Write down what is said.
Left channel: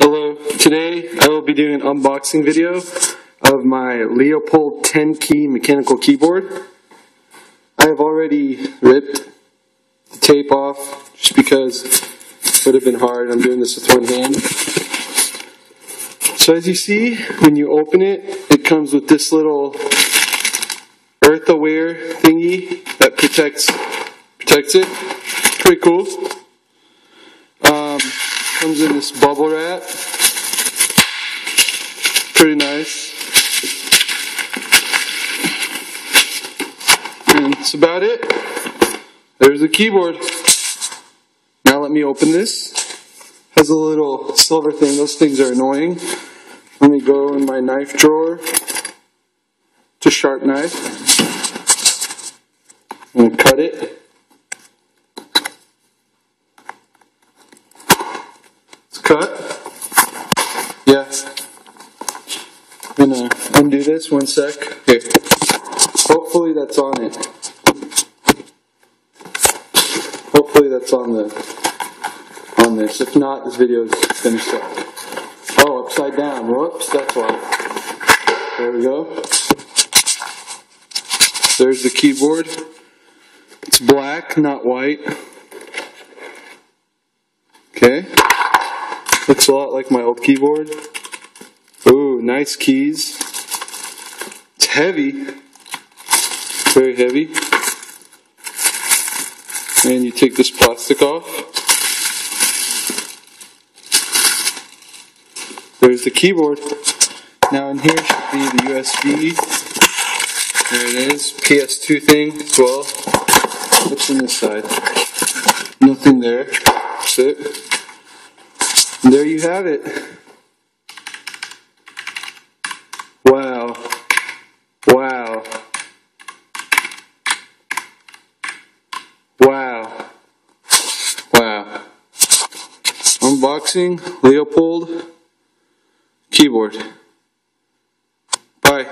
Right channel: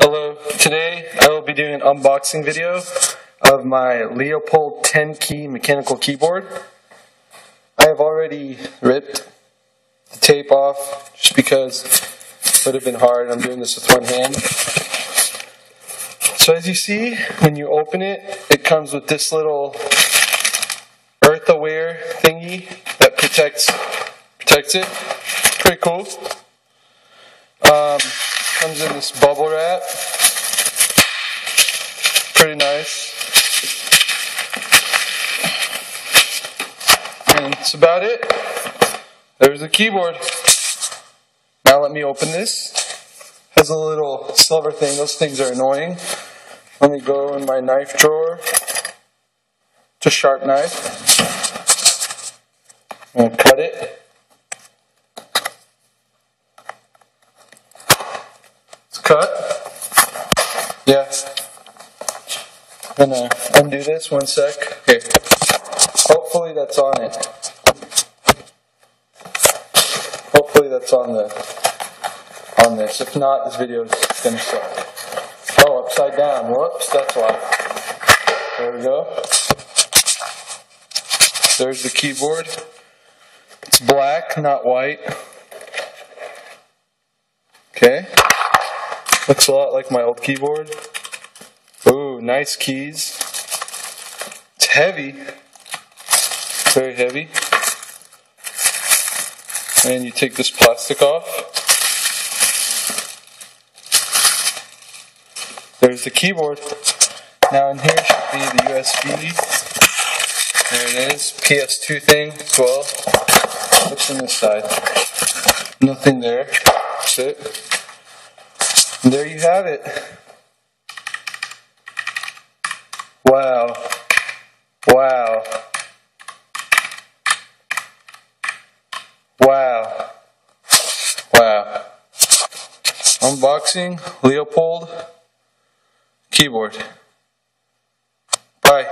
Hello, today I will be doing an unboxing video of my Leopold 10 key mechanical keyboard. I have already ripped the tape off just because it would have been hard. I'm doing this with one hand. So as you see, when you open it, it comes with this little earth-aware thingy that protects it. Pretty cool. Comes in this bubble wrap. Pretty nice. And that's about it. There's the keyboard. Now let me open this. Has a little silver thing. Those things are annoying. Let me go in my knife drawer. It's a sharp knife. I'm going to cut it. Cut. Yeah. I'm gonna undo this 1 sec. Okay. Hopefully that's on it. Hopefully that's on this. If not, this video is gonna suck. Oh, upside down. Whoops, that's why. There we go. There's the keyboard. It's black, not white. Okay. Looks a lot like my old keyboard. Ooh, nice keys. It's heavy. Very heavy. And you take this plastic off. There's the keyboard. Now in here should be the USB. There it is. PS2 thing as well. What's on this side? Nothing there. That's it. And there you have it. Wow. Wow. Wow. Wow. Unboxing Leopold keyboard. Bye.